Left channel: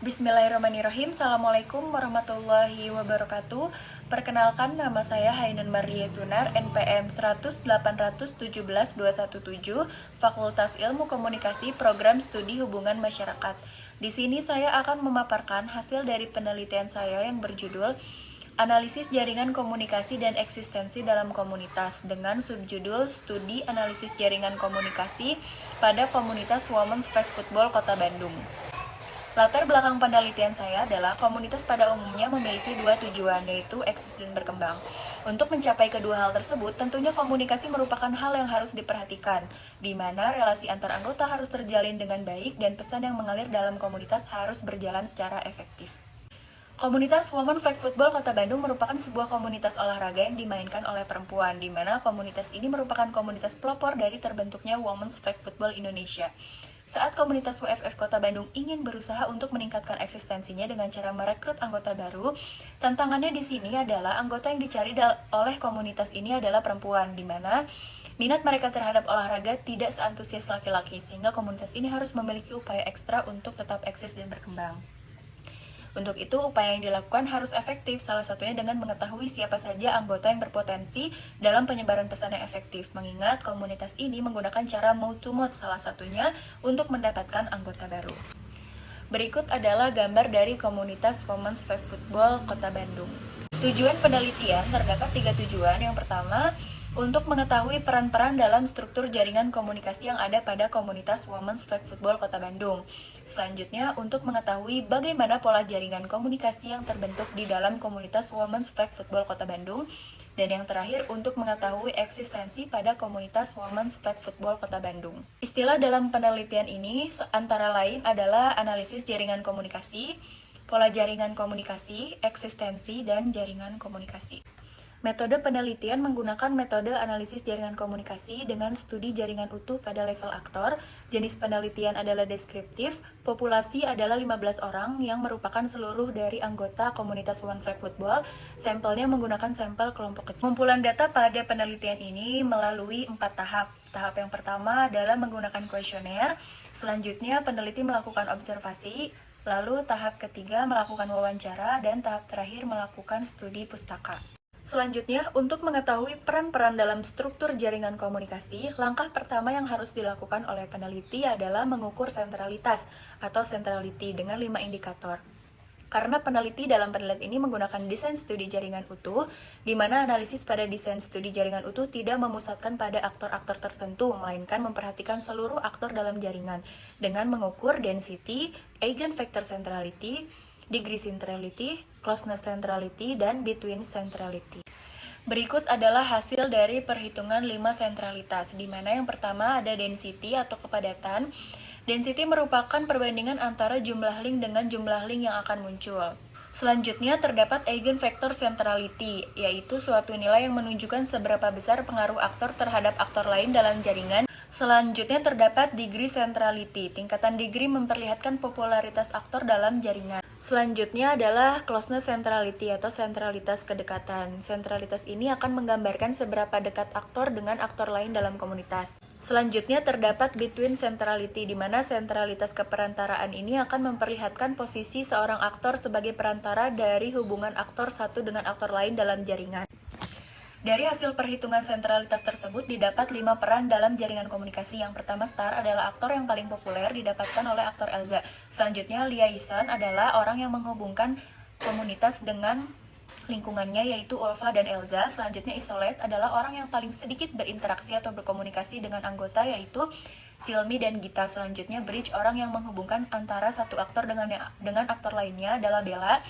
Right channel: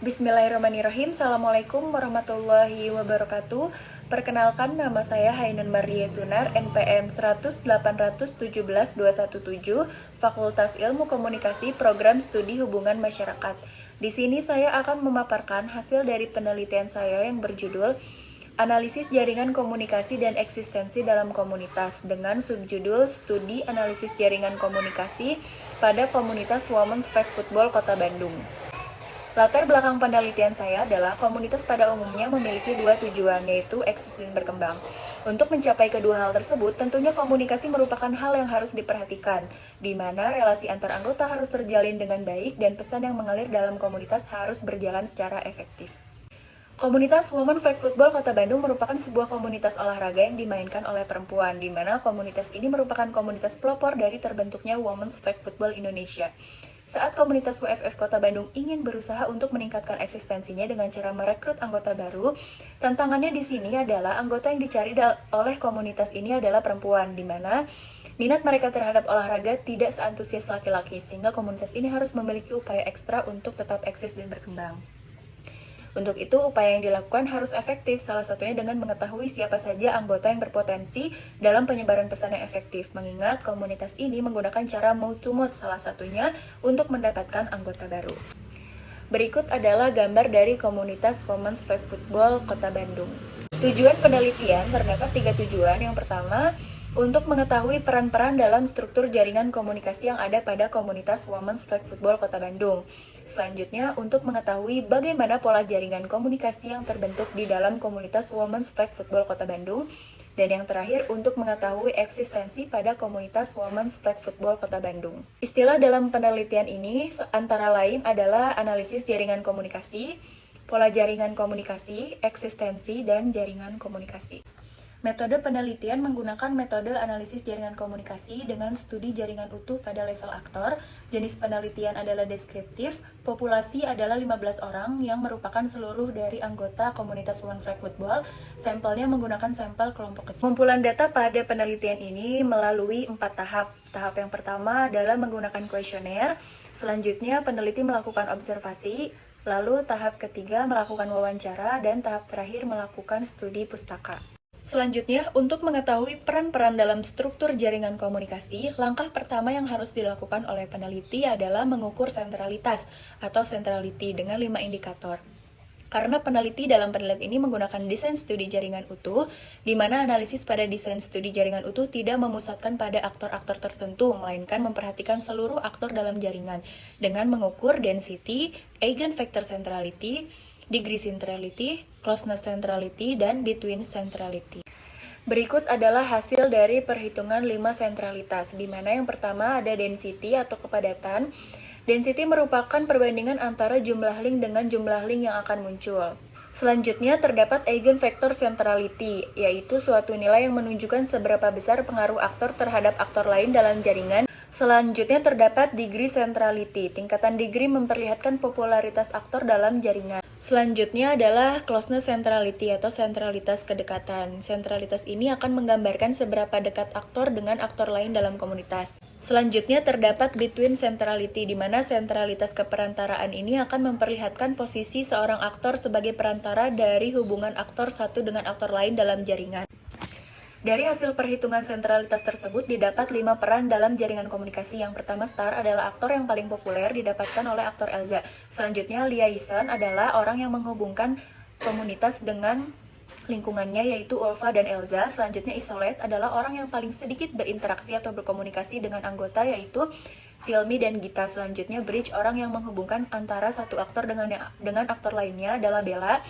Bismillahirrahmanirrahim. Assalamualaikum warahmatullahi wabarakatuh. Perkenalkan, nama saya Hainun Maria Sunar, NPM 1817217, Fakultas Ilmu Komunikasi, Program Studi Hubungan Masyarakat. Di sini saya akan memaparkan hasil dari penelitian saya yang berjudul Analisis Jaringan Komunikasi dan Eksistensi dalam Komunitas dengan subjudul Studi Analisis Jaringan Komunikasi pada Komunitas Women's Flag Football Kota Bandung. Latar belakang penelitian saya adalah komunitas pada umumnya memiliki dua tujuan, yaitu eksis dan berkembang. Untuk mencapai kedua hal tersebut, tentunya komunikasi merupakan hal yang harus diperhatikan, di mana relasi antar anggota harus terjalin dengan baik dan pesan yang mengalir dalam komunitas harus berjalan secara efektif. Komunitas Women Flag Football Kota Bandung merupakan sebuah komunitas olahraga yang dimainkan oleh perempuan, di mana komunitas ini merupakan komunitas pelopor dari terbentuknya Women's Flag Football Indonesia. Saat komunitas WFF Kota Bandung ingin berusaha untuk meningkatkan eksistensinya dengan cara merekrut anggota baru, tantangannya di sini adalah anggota yang dicari oleh komunitas ini adalah perempuan, di mana minat mereka terhadap olahraga tidak seantusias laki-laki, sehingga komunitas ini harus memiliki upaya ekstra untuk tetap eksis dan berkembang. Untuk itu, upaya yang dilakukan harus efektif, salah satunya dengan mengetahui siapa saja anggota yang berpotensi dalam penyebaran pesan yang efektif, mengingat komunitas ini menggunakan cara mouth-to-mouth, salah satunya untuk mendapatkan anggota baru. Berikut adalah gambar dari komunitas Women's Flag Football Kota Bandung. Tujuan penelitian terdapat 3 tujuan. Yang pertama, untuk mengetahui peran-peran dalam struktur jaringan komunikasi yang ada pada komunitas Women's Flag Football Kota Bandung. Selanjutnya, untuk mengetahui bagaimana pola jaringan komunikasi yang terbentuk di dalam komunitas Women's Flag Football Kota Bandung. Dan yang terakhir, untuk mengetahui eksistensi pada komunitas Women's Flag Football Kota Bandung. Istilah dalam penelitian ini antara lain adalah analisis jaringan komunikasi, pola jaringan komunikasi, eksistensi, dan jaringan komunikasi. Metode penelitian menggunakan metode analisis jaringan komunikasi dengan studi jaringan utuh pada level aktor. Jenis penelitian adalah deskriptif. Populasi adalah 15 orang yang merupakan seluruh dari anggota komunitas Women Flag Football. Sampelnya menggunakan sampel kelompok kecil. Pengumpulan data pada penelitian ini melalui 4 tahap. Tahap yang pertama adalah menggunakan kuesioner. Selanjutnya peneliti melakukan observasi. Lalu tahap ketiga melakukan wawancara, dan tahap terakhir melakukan studi pustaka. Selanjutnya, untuk mengetahui peran-peran dalam struktur jaringan komunikasi, langkah pertama yang harus dilakukan oleh peneliti adalah mengukur sentralitas atau centrality dengan 5 indikator. Karena peneliti dalam penelitian ini menggunakan desain studi jaringan utuh, di mana analisis pada desain studi jaringan utuh tidak memusatkan pada aktor-aktor tertentu, melainkan memperhatikan seluruh aktor dalam jaringan dengan mengukur density, eigenvector centrality, degree centrality, closeness centrality, dan between centrality. Berikut adalah hasil dari perhitungan 5 sentralitas, di mana yang pertama ada density atau kepadatan. Density merupakan perbandingan antara jumlah link dengan jumlah link yang akan muncul. Selanjutnya terdapat eigenvector centrality, yaitu suatu nilai yang menunjukkan seberapa besar pengaruh aktor terhadap aktor lain dalam jaringan. Selanjutnya terdapat degree centrality, tingkatan degree memperlihatkan popularitas aktor dalam jaringan. Selanjutnya adalah closeness centrality atau sentralitas kedekatan. Sentralitas ini akan menggambarkan seberapa dekat aktor dengan aktor lain dalam komunitas. Selanjutnya terdapat between centrality, di mana sentralitas keperantaraan ini akan memperlihatkan posisi seorang aktor sebagai perantara dari hubungan aktor satu dengan aktor lain dalam jaringan. Dari hasil perhitungan sentralitas tersebut didapat 5 peran dalam jaringan komunikasi. Yang pertama, star adalah aktor yang paling populer didapatkan oleh aktor Elza. Selanjutnya, liaison adalah orang yang menghubungkan komunitas dengan lingkungannya, yaitu Ulfa dan Elza. Selanjutnya, isolate adalah orang yang paling sedikit berinteraksi atau berkomunikasi dengan anggota, yaitu Silmi dan Gita. Selanjutnya, bridge, orang yang menghubungkan antara satu aktor dengan aktor lainnya, adalah Bella.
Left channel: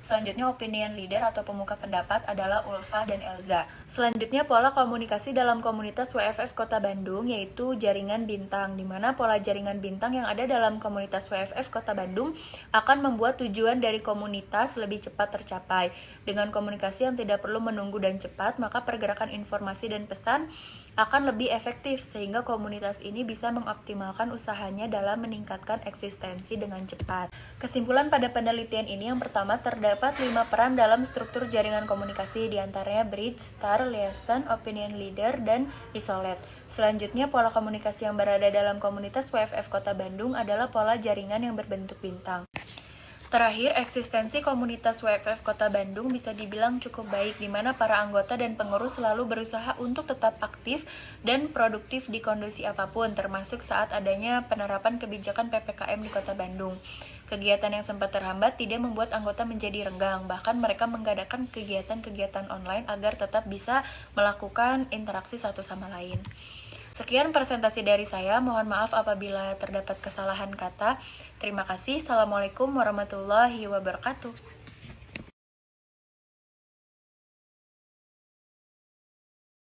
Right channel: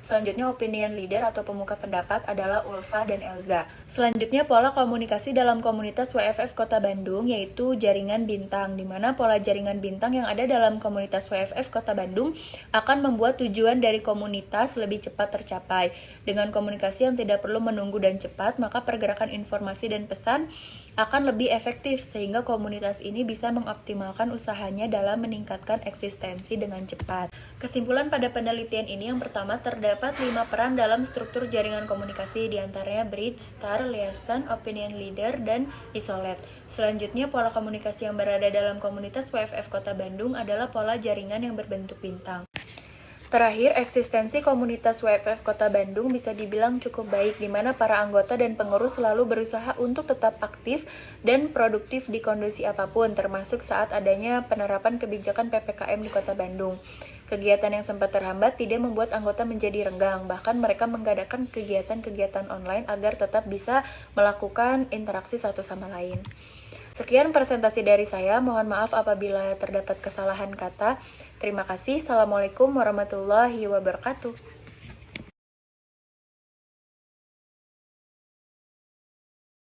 Selanjutnya, opinion leader atau pemuka pendapat adalah Ulfa dan Elza. Selanjutnya, pola komunikasi dalam komunitas WFF Kota Bandung, yaitu jaringan bintang, di mana pola jaringan bintang yang ada dalam komunitas WFF Kota Bandung akan membuat tujuan dari komunitas lebih cepat tercapai. Dengan komunikasi yang tidak perlu menunggu dan cepat, maka pergerakan informasi dan pesan akan lebih efektif, sehingga komunitas ini bisa mengoptimalkan usahanya dalam meningkatkan eksistensi dengan cepat. Kesimpulan pada penelitian ini, yang pertama, terdapat 5 peran dalam struktur jaringan komunikasi, diantaranya bridge, star, liaison, opinion leader, dan isolate. Selanjutnya, pola komunikasi yang berada dalam komunitas WFF Kota Bandung adalah pola jaringan yang berbentuk bintang. Terakhir, eksistensi komunitas WFF Kota Bandung bisa dibilang cukup baik, di mana para anggota dan pengurus selalu berusaha untuk tetap aktif dan produktif di kondisi apapun, termasuk saat adanya penerapan kebijakan PPKM di Kota Bandung. Kegiatan yang sempat terhambat tidak membuat anggota menjadi renggang, bahkan mereka mengadakan kegiatan-kegiatan online agar tetap bisa melakukan interaksi satu sama lain. Sekian presentasi dari saya, mohon maaf apabila terdapat kesalahan kata. Terima kasih. Assalamualaikum warahmatullahi wabarakatuh.